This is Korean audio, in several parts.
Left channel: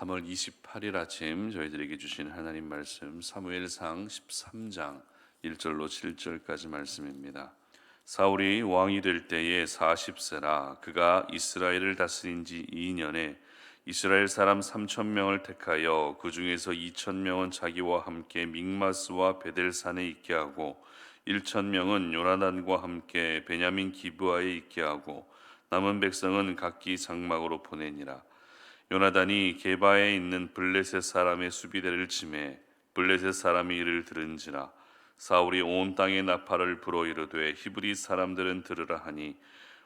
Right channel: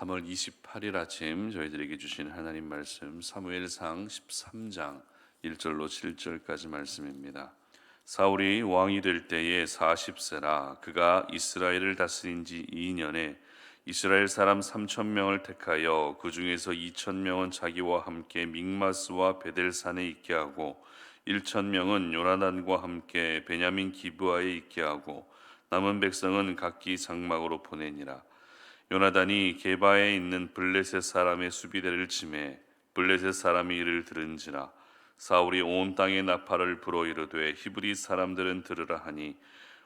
3월 28일 아침 저희들에게 주신 하나님 말씀 사무엘상 13장 1절로 7절까지 말씀입니다. 사울이 왕이 될 때에 40세라 그가 이스라엘을 다스린 지 2년에 이스라엘 사람 3,000명을 택하여 그 중에서 2,000명은 자기와 함께 믹마스와 베델산에 있게 하고 1,000명은 요나단과 함께 베냐민 기브아에 있게 하고 남은 백성은 각기 장막으로 보내니라. 요나단이 게바에 있는 블레셋 사람의 수비대를 치매 블레셋 사람이 이를 들은지라. 사울이 온 땅에 나팔을 불어 이르되 히브리 사람들은 들으라 하니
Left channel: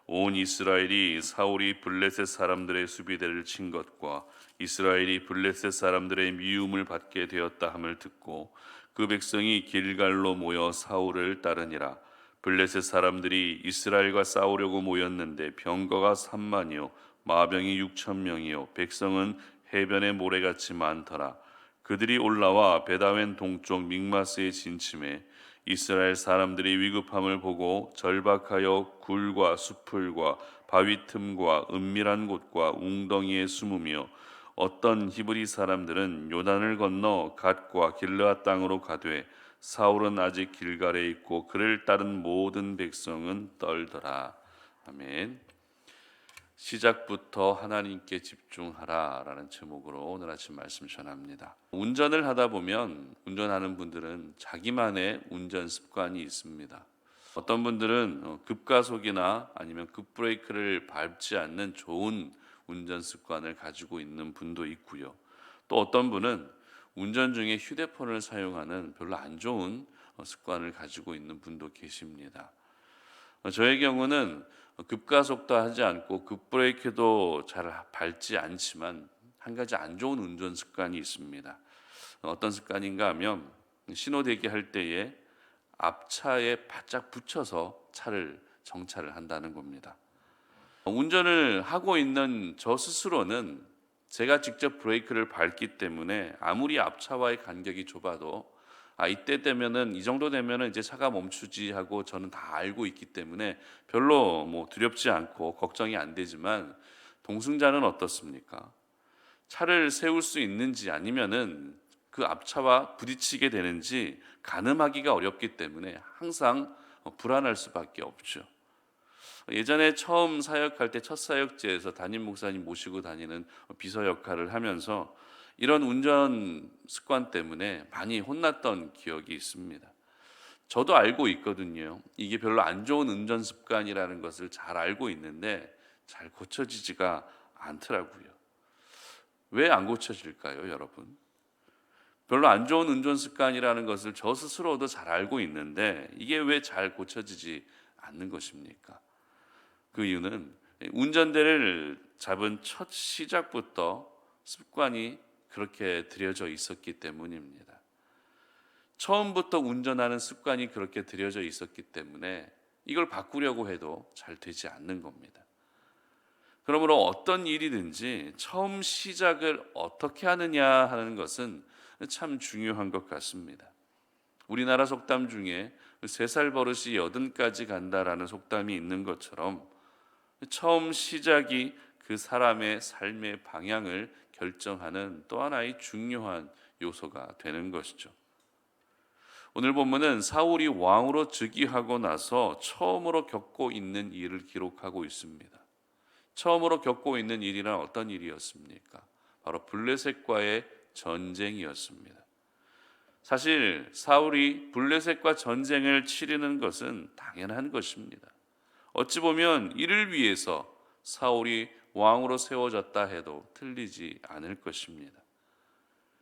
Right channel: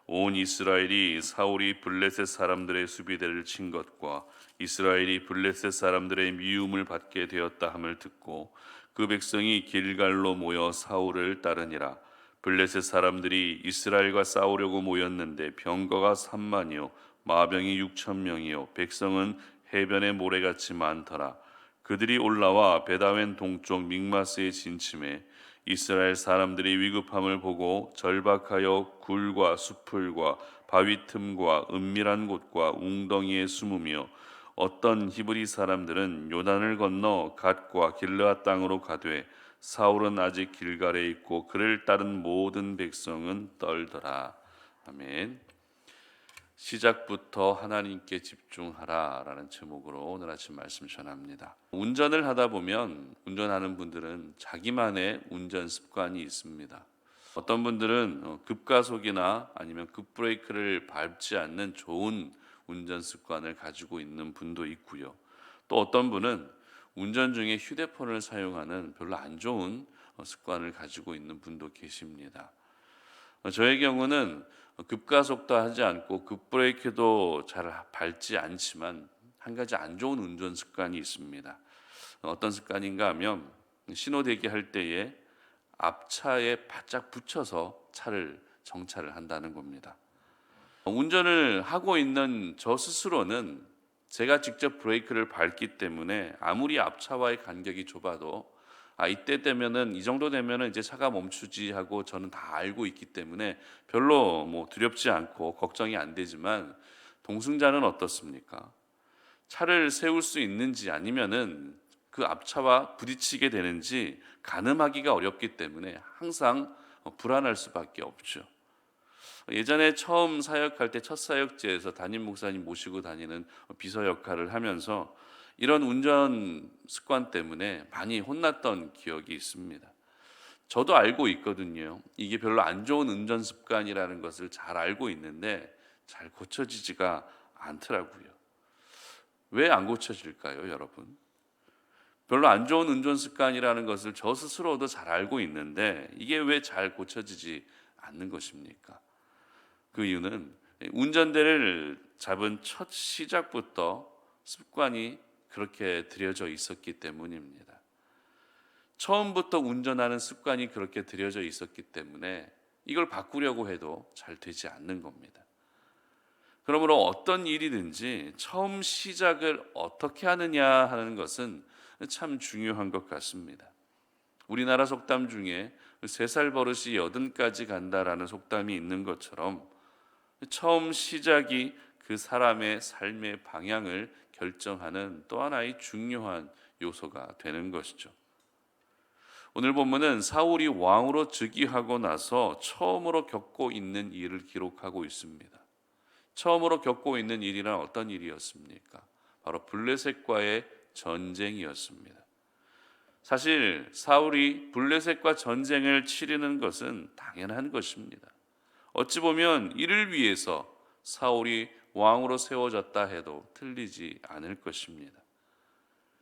온 이스라엘이 사울이 블레셋 사람들의 수비대를 친 것과 이스라엘이 블레셋 사람들의 미움을 받게 되었다 함을 듣고 그 백성이 길갈로 모여 사울을 따르니라. 블레셋 사람들이 이스라엘과 싸우려고 모였는데 병거가 3만이요 마병이 6,000명이요 백성은 해변의 모래같이 많더라. 그들이 올라와 베다웬 동쪽 믹마스에 진침해 이스라엘 사람들이 위급함을 보고 절박하여 굴과 수풀과 바위 틈과 은밀한 곳과 웅덩이에 숨으며 어떤 히브리 사람들은 요단을 건너 갓과 길르앗 땅으로 가되 사울은 아직 길갈에 있고 그를 따른 모든 백성은 떨더라. 아멘. 시작부터 하나님께 집중하라라는 제목으로 오늘 아침 말씀 전합니다. 운전을 하다 보면 운전하는 분들은 자기만의 운전 습관이 있습니다. 어떤 분들은 급가속이나 아니면 급브레이크를 밟지 않는 좋은 운전 습관을 가지고 있는 분도 있고요. 또 어떤 분은 운전 중에 휴대폰을 사용하는 별로 안 좋은 습관을 가지고 있는 분도 계십니다. 저의 경우는 급가속도 하지 않고 급브레이크도 잘 밟지 않지만 한 가지 안 좋은 운전 습관이 있습니다. 어떤 습관인가 하면 신호 대기할 때에 앞차에 바짝 붙여서 차를 정차를 한다는 겁니다. 운전을 하고 있는 저 스스로는 제가 직접 브레이크를 밟기 때문에 아무리 앞차와의 간격이 좁아도 이때 되면은 이 정도 되면은 이제 차가 멈추지 하고 저는 다 알고 있기 때문에 별로 두렵지 않고 걱정이 안 되지만 동승자는 어떻습니까? 차를 세울 수 있는지 아니면은 그 앞차와 부딪히게 되는지 가늠하기가 어렵기 때문에 항상 불안할 수밖에 없죠. 예전에 처음 사역할 때 첫 사역지에서 담임 목사님 모시고 다니는 비서 역할을 하면서 이런 운전 습관 때문에 많이 혼났던 기억이 있습니다. 저도 알고 있거든요. 이게 별로 안 좋은 운전 습관이라는 것을 잘 알고 있는데 잘 고쳐지지가 않더라고요. 왜 안 고쳐질까요, 여러분? 별로 안 좋은 운전 습관이라는 것을 저 스스로도 잘 알고 있는데 이게 왜 잘 고쳐지지 않는 것입니까? 그 이유는 운전대를 잡은 첫 시작부터 습관이 그렇게 들여져 있었기 때문입니다. 처음부터 운전하는 습관이 그렇게 들여져 있었기 때문에 이걸 바꾸려고 해도 잘 되지 않는 겁니다. 그러므로 어떤 일이든지 처음 시작을 어떻게 하느냐 하는 것은 참 중요한 것 같습니다. 우리나라 속담 중에 3살 버릇이 80까지 간다라는 속담이 있는 것처럼 처음 시작이 그 사람의 삶의 방향을 결정하는 또 하나의 중요한 요소가 되는 것이죠. 오늘 본문은 사울이 왕으로 즉위하고 나서 처음으로 겪고 있는 일을 기록하고 있습니다. 처음으로 겪고 있는 일이란 어떤 일이었습니까? 바로 블레셋과의 전쟁이었습니다. 사실 사울이 블레셋과 전쟁을 치르는 것은 당연한 것입니다. 어찌 보면 이를 위해서 사울이 왕으로 세워졌다 해도 틀리지 않을 것입니다.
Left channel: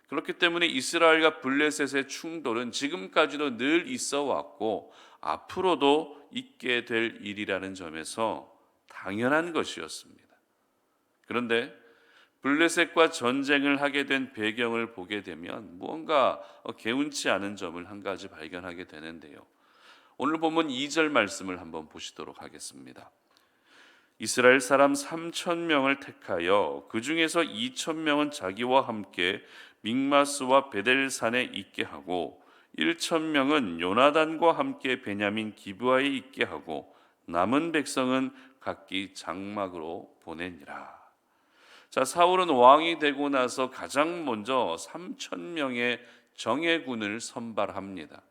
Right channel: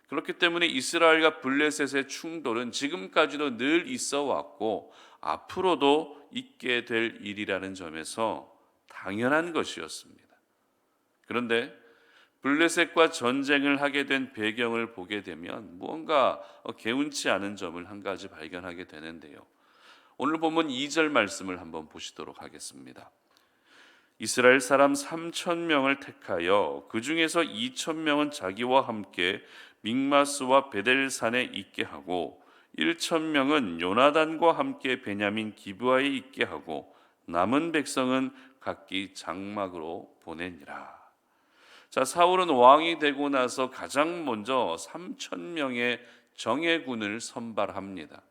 그렇기 때문에 이스라엘과 블레셋의 충돌은 지금까지도 늘 있어 왔고 앞으로도 있게 될 일이라는 점에서 당연한 것이었습니다. 그런데 블레셋과 전쟁을 하게 된 배경을 보게 되면 무언가 개운치 않은 점을 한 가지 발견하게 되는데요. 오늘 본문 2절 말씀을 한번 보시도록 하겠습니다. 이스라엘 사람 3,000명을 택하여 그 중에서 2,000명은 자기와 함께 믹마스와 베델산에 있게 하고 1,000명은 요나단과 함께 베냐민 기브아에 있게 하고 남은 백성은 각기 장막으로 보내니라. 자, 사울은 왕이 되고 나서 가장 먼저 3천 명의 정예군을 선발합니다.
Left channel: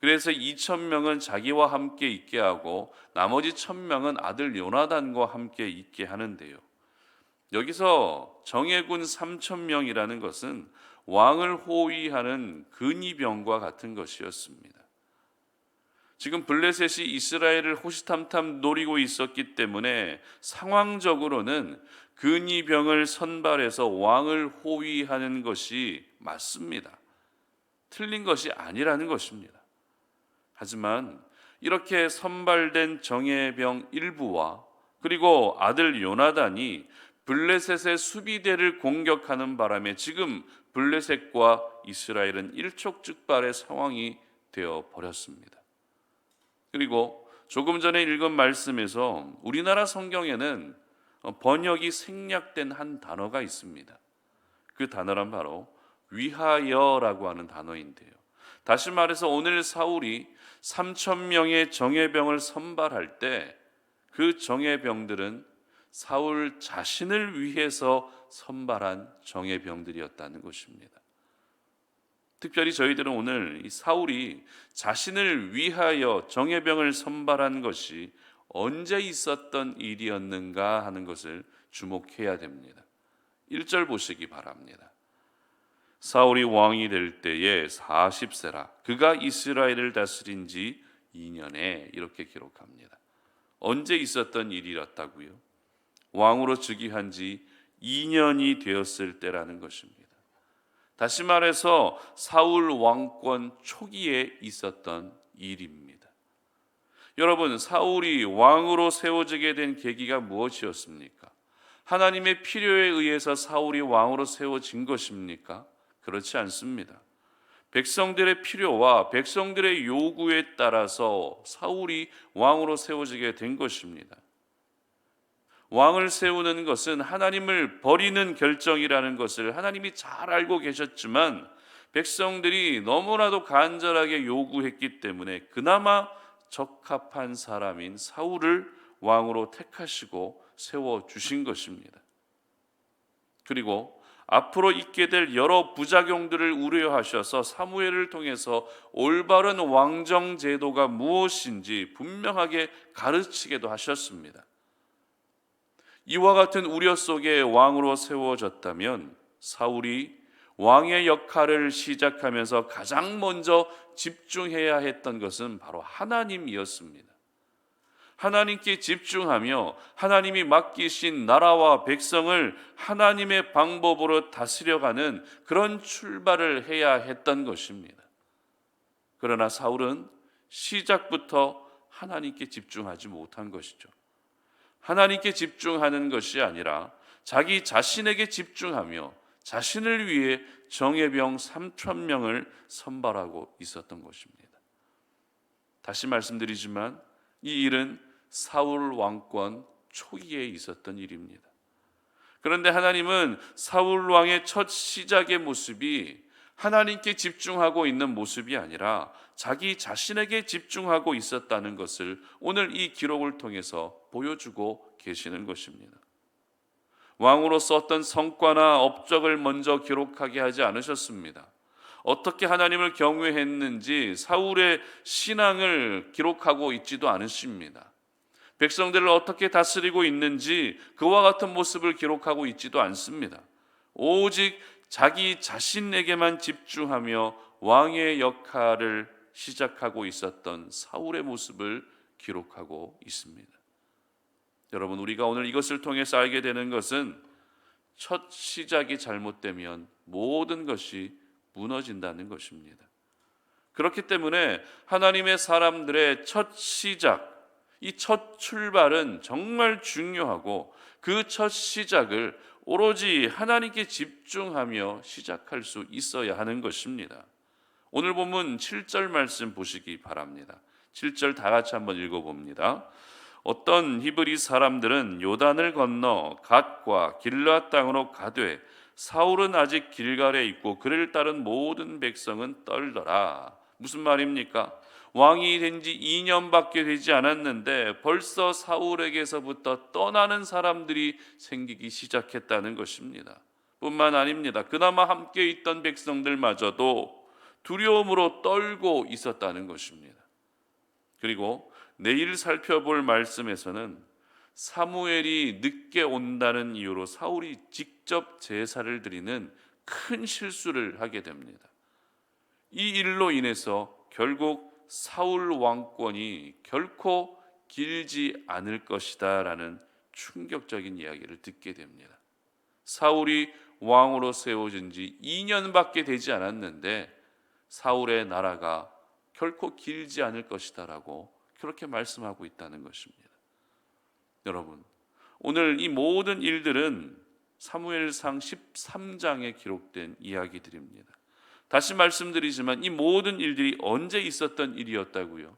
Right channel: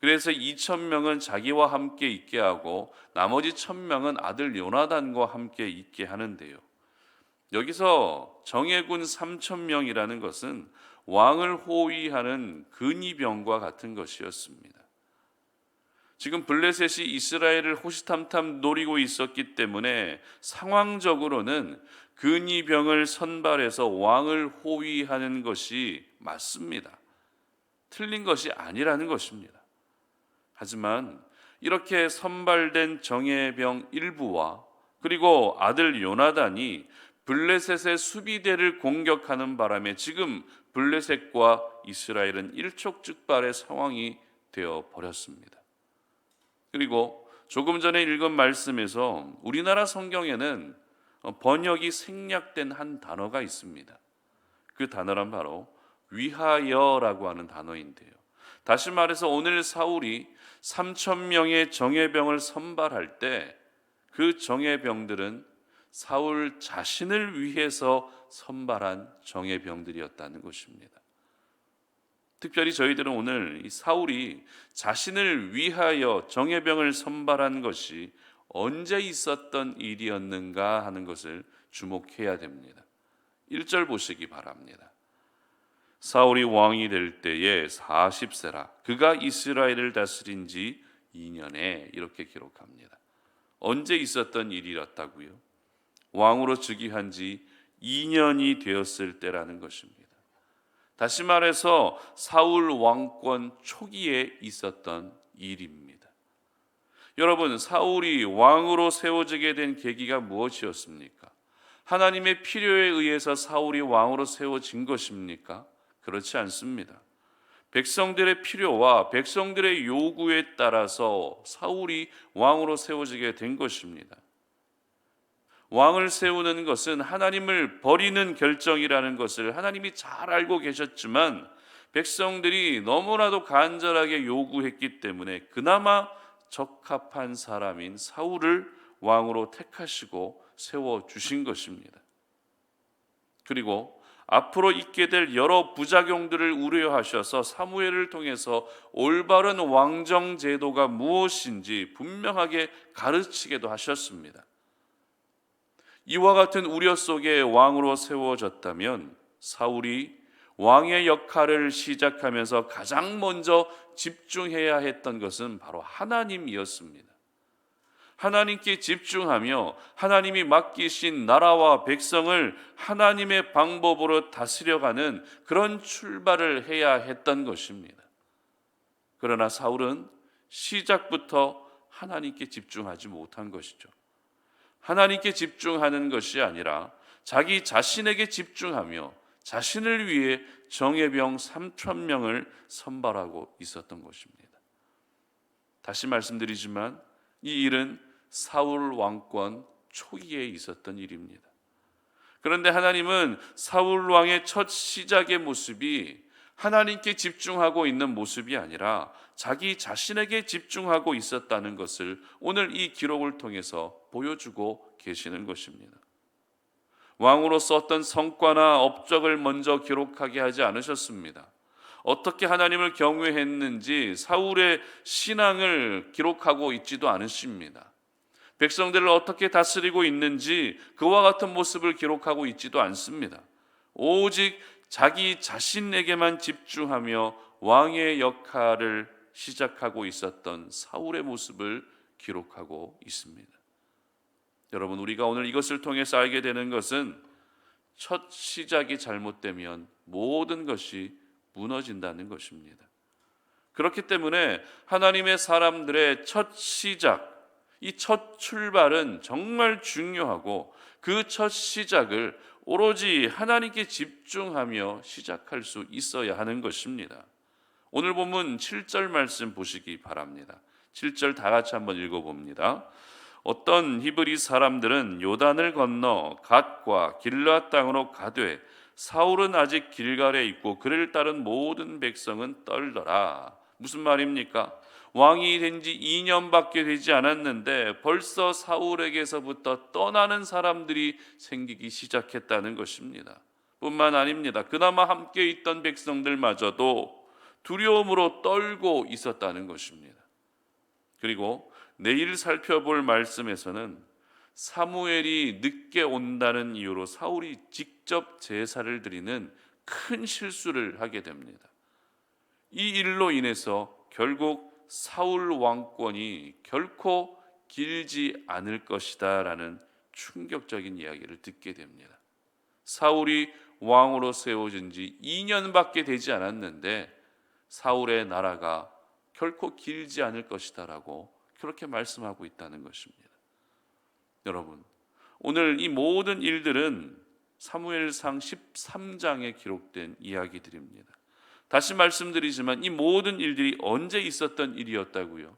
그래서 2천 명은 자기와 함께 있게 하고 나머지 1,000명은 아들 요나단과 함께 있게 하는데요. 여기서 정예군 3천 명이라는 것은 왕을 호위하는 근위병과 같은 것이었습니다. 지금 블레셋이 이스라엘을 호시탐탐 노리고 있었기 때문에 상황적으로는 근위병을 선발해서 왕을 호위하는 것이 맞습니다. 틀린 것이 아니라는 것입니다. 하지만 이렇게 선발된 정예병 일부와 그리고 아들 요나단이 블레셋의 수비대를 공격하는 바람에 지금 블레셋과 이스라엘은 일촉즉발의 상황이 되어 버렸습니다. 그리고 조금 전에 읽은 말씀에서 우리나라 성경에는 번역이 생략된 한 단어가 있습니다. 그 단어란 바로 위하여라고 하는 단어인데요. 다시 말해서 오늘 사울이 3천 명의 정예병을 선발할 때 그 정예병들은 사울 자신을 위해서 선발한 정예병들이었다는 것입니다. 특별히 저희들은 오늘 이 사울이 자신을 위하여 정예병을 선발한 것이 언제 있었던 일이었는가 하는 것을 주목해야 됩니다. 1절 보시기 바랍니다. 사울이 왕이 될 때에 40세라 그가 이스라엘을 다스린 지 2년에 이렇게 기록합니다. 언제 있었던 일이었다고요? 왕으로 즉위한 지 2년이 되었을 때라는 것입니다. 다시 말해서 사울 왕권 초기에 있었던 일입니다. 여러분, 사울이 왕으로 세워지게 된 계기가 무엇이었습니까? 하나님의 필요에 의해서 사울이 왕으로 세워진 것입니까? 그렇지 않습니다. 백성들의 필요와 백성들의 요구에 따라서 사울이 왕으로 세워지게 된 것입니다. 왕을 세우는 것은 하나님을 버리는 결정이라는 것을 하나님이 잘 알고 계셨지만 백성들이 너무나도 간절하게 요구했기 때문에 그나마 적합한 사람인 사울을 왕으로 택하시고 세워주신 것입니다. 그리고 앞으로 있게 될 여러 부작용들을 우려하셔서 사무엘을 통해서 올바른 왕정 제도가 무엇인지 분명하게 가르치게도 하셨습니다. 이와 같은 우려 속에 왕으로 세워졌다면 사울이 왕의 역할을 시작하면서 가장 먼저 집중해야 했던 것은 바로 하나님이었습니다. 하나님께 집중하며 하나님이 맡기신 나라와 백성을 하나님의 방법으로 다스려가는 그런 출발을 해야 했던 것입니다. 그러나 사울은 시작부터 하나님께 집중하지 못한 것이죠. 하나님께 집중하는 것이 아니라 자기 자신에게 집중하며 자신을 위해 정예병 3천 명을 선발하고 있었던 것입니다. 다시 말씀드리지만 이 일은 사울 왕권 초기에 있었던 일입니다. 그런데 하나님은 사울 왕의 첫 시작의 모습이 하나님께 집중하고 있는 모습이 아니라 자기 자신에게 집중하고 있었다는 것을 오늘 이 기록을 통해서 보여주고 계시는 것입니다. 왕으로서 어떤 성과나 업적을 먼저 기록하게 하지 않으셨습니다. 어떻게 하나님을 경외했는지 사울의 신앙을 기록하고 있지도 않으십니다. 백성들을 어떻게 다스리고 있는지 그와 같은 모습을 기록하고 있지도 않습니다. 오직 자기 자신에게만 집중하며 왕의 역할을 시작하고 있었던 사울의 모습을 기록하고 있습니다. 여러분, 우리가 오늘 이것을 통해서 알게 되는 것은 첫 시작이 잘못되면 모든 것이 무너진다는 것입니다. 그렇기 때문에 하나님의 사람들의 첫 시작, 이 첫 출발은 정말 중요하고 그 첫 시작을 오로지 하나님께 집중하며 시작할 수 있어야 하는 것입니다. 오늘 본문 7절 말씀 보시기 바랍니다. 7절 다 같이 한번 읽어봅니다. 어떤 히브리 사람들은 요단을 건너 갓과 길르앗 땅으로 가되 사울은 아직 길갈에 있고 그를 따른 모든 백성은 떨더라. 무슨 말입니까? 왕이 된 지 2년밖에 되지 않았는데 벌써 사울에게서부터 떠나는 사람들이 생기기 시작했다는 것입니다. 뿐만 아닙니다. 그나마 함께 있던 백성들마저도 두려움으로 떨고 있었다는 것입니다. 그리고 내일 살펴볼 말씀에서는 사무엘이 늦게 온다는 이유로 사울이 직접 제사를 드리는 큰 실수를 하게 됩니다. 이 일로 인해서 결국 사울 왕권이 결코 길지 않을 것이다 라는 충격적인 이야기를 듣게 됩니다. 사울이 왕으로 세워진 지 2년밖에 되지 않았는데 사울의 나라가 결코 길지 않을 것이다 라고 그렇게 말씀하고 있다는 것입니다. 여러분, 오늘 이 모든 일들은 사무엘상 13장에 기록된 이야기들입니다. 다시 말씀드리지만 이 모든 일들이 언제 있었던 일이었다고요?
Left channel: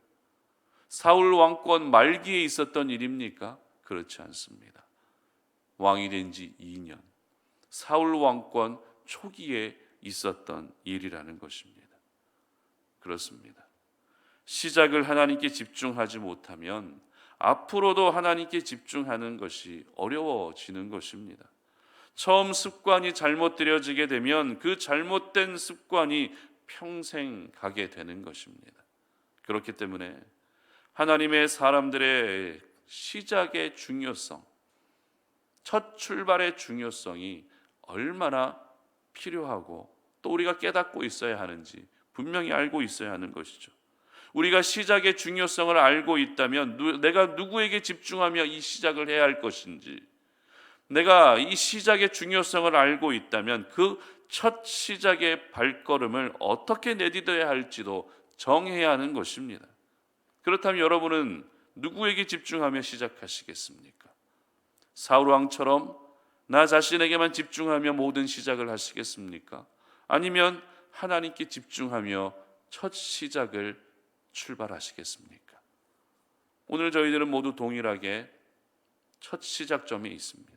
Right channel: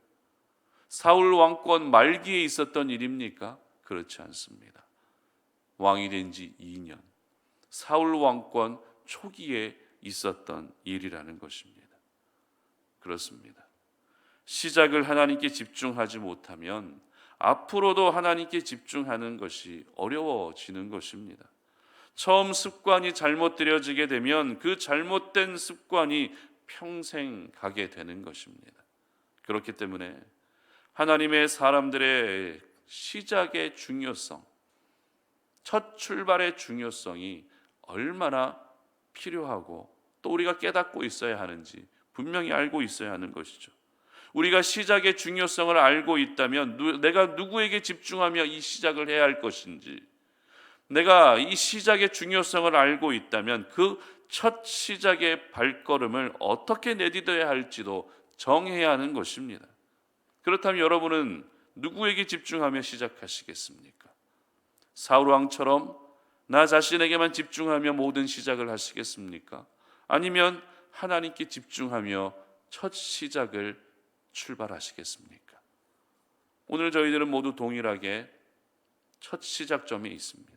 사울 왕권 말기에 있었던 일입니까? 그렇지 않습니다. 왕이 된 지 2년, 사울 왕권 초기에 있었던 일이라는 것입니다. 그렇습니다. 시작을 하나님께 집중하지 못하면 앞으로도 하나님께 집중하는 것이 어려워지는 것입니다. 처음 습관이 잘못 들여지게 되면 그 잘못된 습관이 평생 가게 되는 것입니다. 그렇기 때문에 하나님의 사람들의 시작의 중요성, 첫 출발의 중요성이 얼마나 필요하고 또 우리가 깨닫고 있어야 하는지 분명히 알고 있어야 하는 것이죠. 우리가 시작의 중요성을 알고 있다면 내가 누구에게 집중하며 이 시작을 해야 할 것인지, 내가 이 시작의 중요성을 알고 있다면 그 첫 시작의 발걸음을 어떻게 내딛어야 할지도 정해야 하는 것입니다. 그렇다면 여러분은 누구에게 집중하며 시작하시겠습니까? 사울 왕처럼 나 자신에게만 집중하며 모든 시작을 하시겠습니까? 아니면 하나님께 집중하며 첫 시작을 출발하시겠습니까? 오늘 저희들은 모두 동일하게 첫 시작점에 있습니다.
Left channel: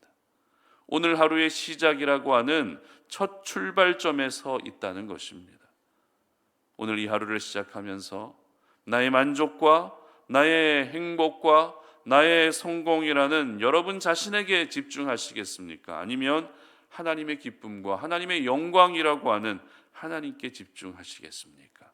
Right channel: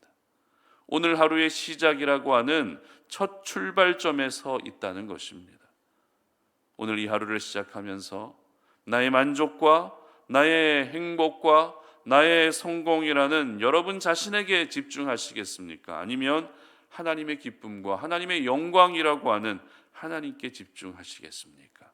오늘 하루의 시작이라고 하는 첫 출발점에 서 있다는 것입니다. 오늘 이 하루를 시작하면서 나의 만족과 나의 행복과 나의 성공이라는 여러분 자신에게 집중하시겠습니까? 아니면 하나님의 기쁨과 하나님의 영광이라고 하는 하나님께 집중하시겠습니까?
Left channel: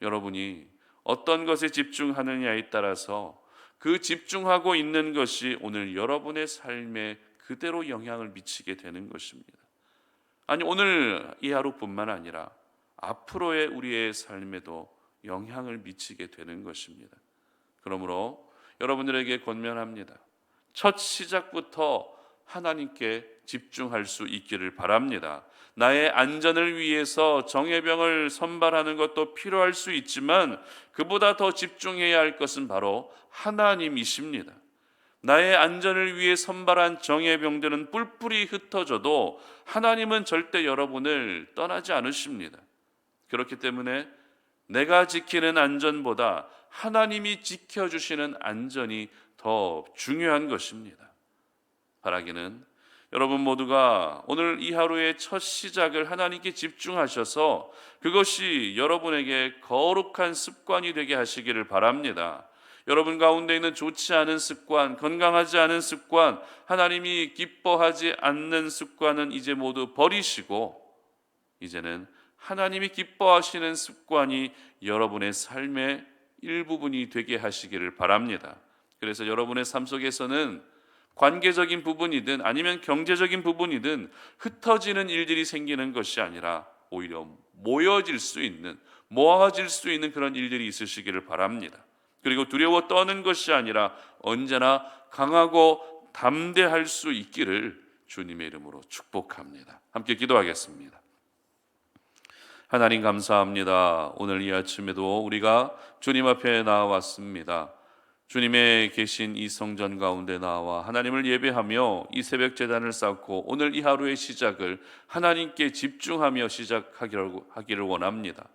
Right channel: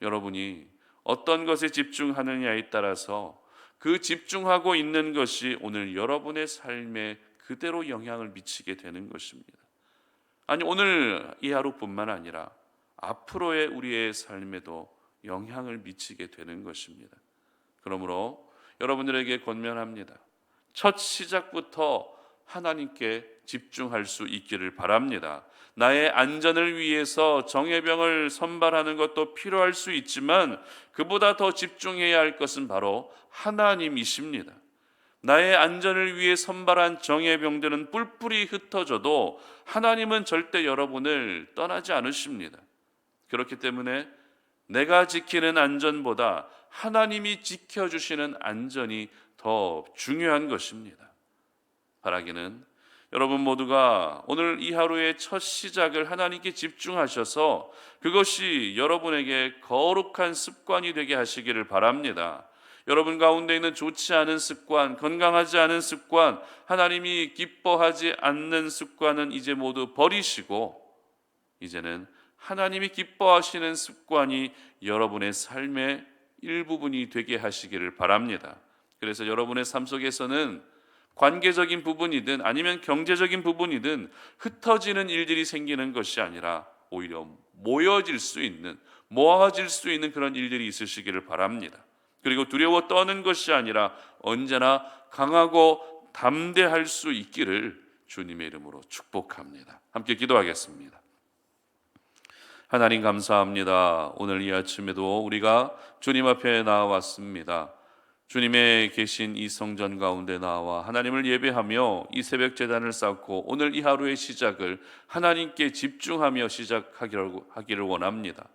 여러분이 어떤 것에 집중하느냐에 따라서 그 집중하고 있는 것이 오늘 여러분의 삶에 그대로 영향을 미치게 되는 것입니다. 아니, 오늘 이 하루뿐만 아니라 앞으로의 우리의 삶에도 영향을 미치게 되는 것입니다. 그러므로 여러분들에게 권면합니다. 첫 시작부터 하나님께 집중할 수 있기를 바랍니다. 나의 안전을 위해서 정예병을 선발하는 것도 필요할 수 있지만 그보다 더 집중해야 할 것은 바로 하나님이십니다. 나의 안전을 위해 선발한 정예병들은 뿔뿔이 흩어져도 하나님은 절대 여러분을 떠나지 않으십니다. 그렇기 때문에 내가 지키는 안전보다 하나님이 지켜주시는 안전이 더 중요한 것입니다. 바라기는 여러분 모두가 오늘 이 하루의 첫 시작을 하나님께 집중하셔서 그것이 여러분에게 거룩한 습관이 되게 하시기를 바랍니다. 여러분 가운데 있는 좋지 않은 습관, 건강하지 않은 습관, 하나님이 기뻐하지 않는 습관은 이제 모두 버리시고 이제는 하나님이 기뻐하시는 습관이 여러분의 삶의 일부분이 되게 하시기를 바랍니다. 그래서 여러분의 삶 속에서는 관계적인 부분이든 아니면 경제적인 부분이든 흩어지는 일들이 생기는 것이 아니라 오히려 모아질 수 있는 그런 일들이 있으시기를 바랍니다. 그리고 두려워 떠는 것이 아니라 언제나 강하고 담대할 수 있기를 주님의 이름으로 축복합니다. 함께 기도하겠습니다. 하나님 감사합니다. 오늘 이 아침에도 우리가 주님 앞에 나와왔습니다. 주님의 계신 이 성전 가운데 나와 하나님을 예배하며 이 새벽 제단을 쌓고 오늘 이 하루의 시작을 하나님께 집중하며 시작하기를 원합니다.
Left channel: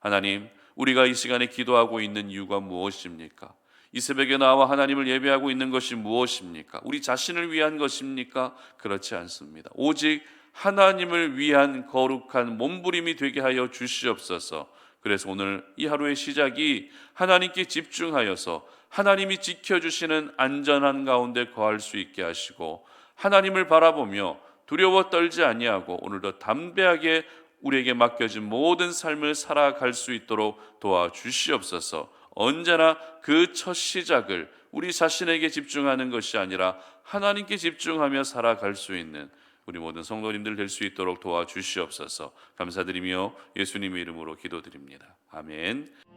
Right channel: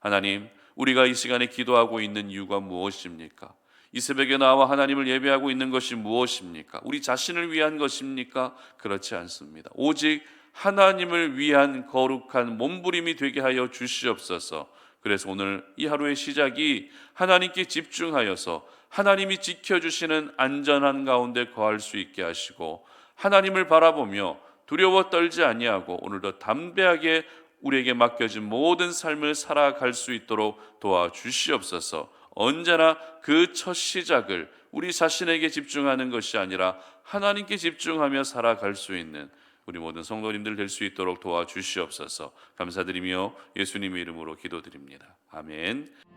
하나님, 우리가 이 시간에 기도하고 있는 이유가 무엇입니까? 이 새벽에 나와 하나님을 예배하고 있는 것이 무엇입니까? 우리 자신을 위한 것입니까? 그렇지 않습니다. 오직 하나님을 위한 거룩한 몸부림이 되게 하여 주시옵소서. 그래서 오늘 이 하루의 시작이 하나님께 집중하여서 하나님이 지켜주시는 안전한 가운데 거할 수 있게 하시고, 하나님을 바라보며 두려워 떨지 아니하고 오늘도 담대하게 우리에게 맡겨진 모든 삶을 살아갈 수 있도록 도와주시옵소서. 언제나 그 첫 시작을 우리 자신에게 집중하는 것이 아니라 하나님께 집중하며 살아갈 수 있는 우리 모든 성도님들 될 수 있도록 도와주시옵소서. 감사드리며 예수님의 이름으로 기도드립니다. 아멘.